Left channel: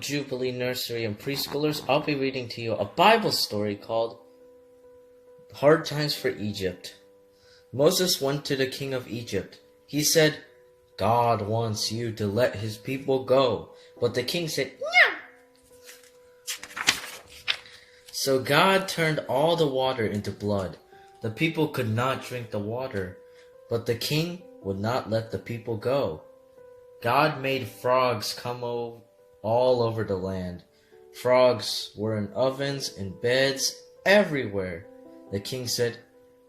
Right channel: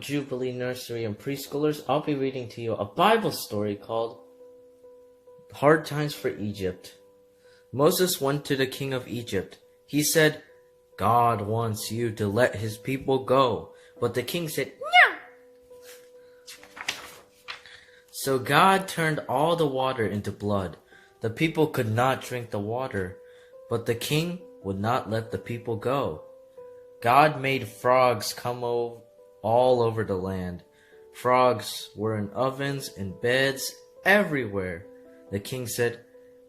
Jubilee Nursery and Preschoolers, I'll be reading to you a Bible story called Hard Times for Egypt. Moses went to the king of Egypt. He said, "God wants you to let his people go." But the king said, "No." So God turned all the water into blood. The people could not drink the water, but the king would not let the people go. God made frogs come all over the land. Frogs were in ovens and beds everywhere. The king said,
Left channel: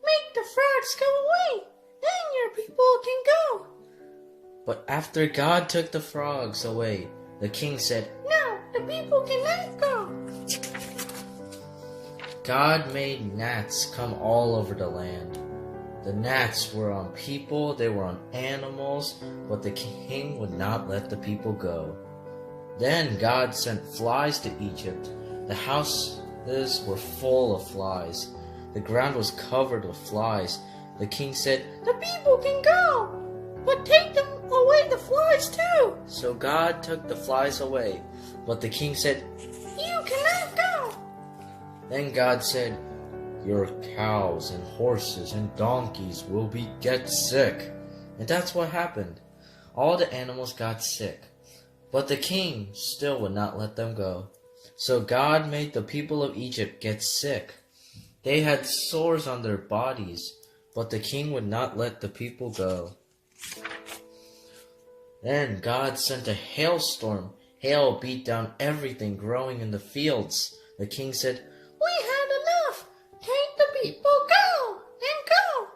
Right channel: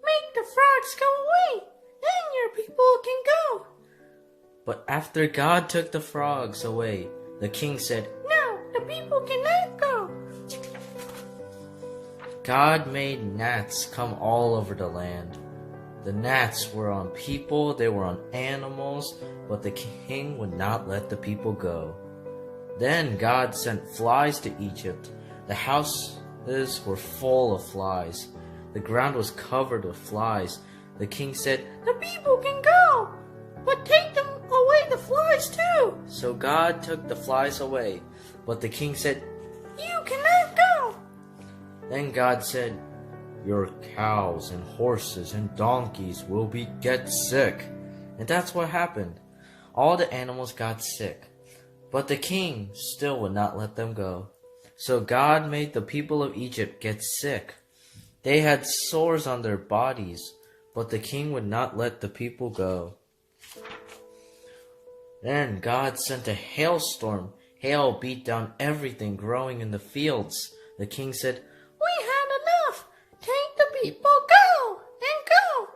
"Make the frogs go away, then your people can go." But after God took the frogs away, the king said, "No, the people cannot go." God made gnats come all over the land. The gnats were on people, they were on animals, but the king would not let the people go. Then God sent flies to Egypt. The houses were full of flies. The ground was covered with flies. The king said, "The people can go, but take them away the flies too." So God took the flies away, but the king said, "You cannot go." Then God said, "Your cows and horses and donkeys will get sick." And that's what happened. All the animals got sick, but the king still would not let them go. So God made the people of Egypt get sick. They had sores on their bodies, but the king would not let the people go. Then God sent a hailstorm. Hail beat down everything growing in the fields. The king said, "We had enough. Take the people, go and go."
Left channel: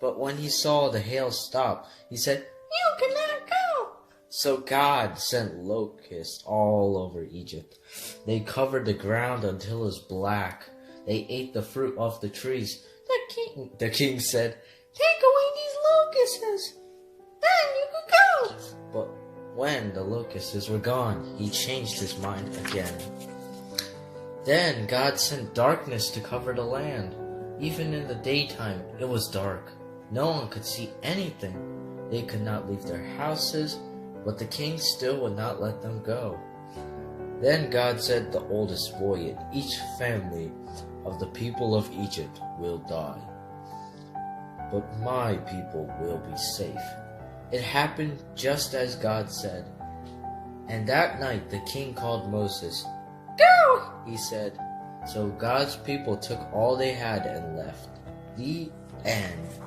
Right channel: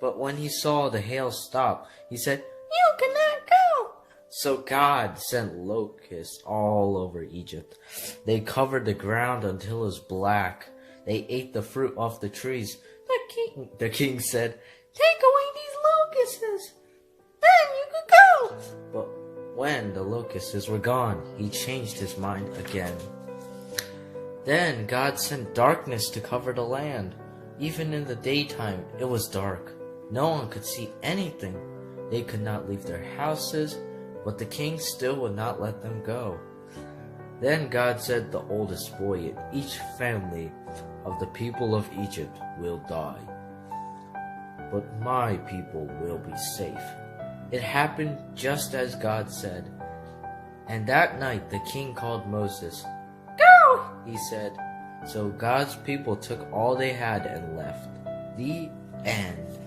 But when he saw the hail stop, he said, "You cannot go." So God sent locusts all over Egypt. They covered the ground until it was black. They ate the fruit off the trees. The king said, "Take away these locusts, then you can go." But when the locusts were gone, he changed his mind again. Then God sent darkness to cover the land. Even in the daytime, it was dark. No one could see anything. They could not leave their houses, but the king still would not let them go. Then God said, "The oldest boy in each family of the people of Egypt will die, but my people will be safe." It happened just as God said. And that night the king called Moses. "Go," he said. So God's people took all they had and left. The end.